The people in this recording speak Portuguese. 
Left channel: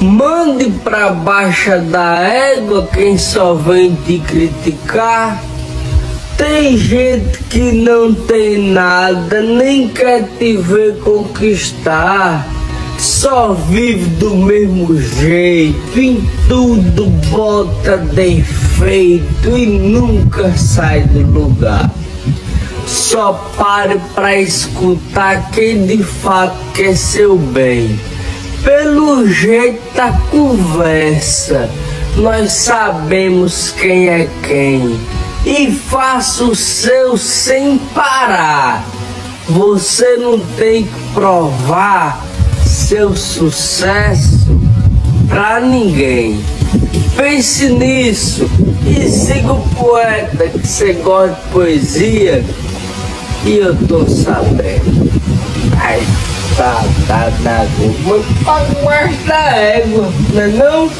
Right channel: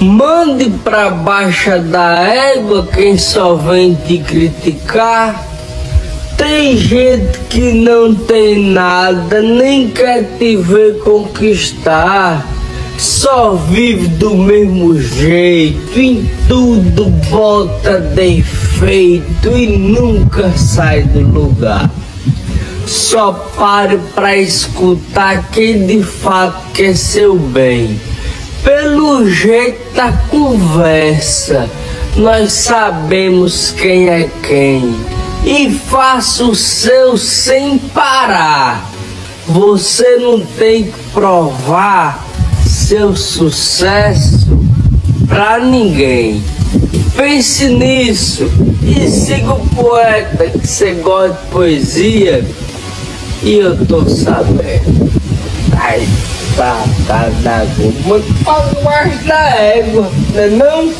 Mande pra baixa da égua quem só vem te criticar. Tem gente que não tem nada, nem quer te ver conquistar. Só vive do mesmo jeito, em tudo bota defeito e nunca sai do lugar. Só pare pra escutar quem de fato quer seu bem. Pelo jeito da conversa, nós sabemos quem é quem. E faça o seu sem parar. Você não tem que provar seu sucesso pra ninguém. Pense nisso e siga o poeta que você gosta de poesia. E eu tô sabendo. Ai, tá na água. Mas pode mais da égua, não é não?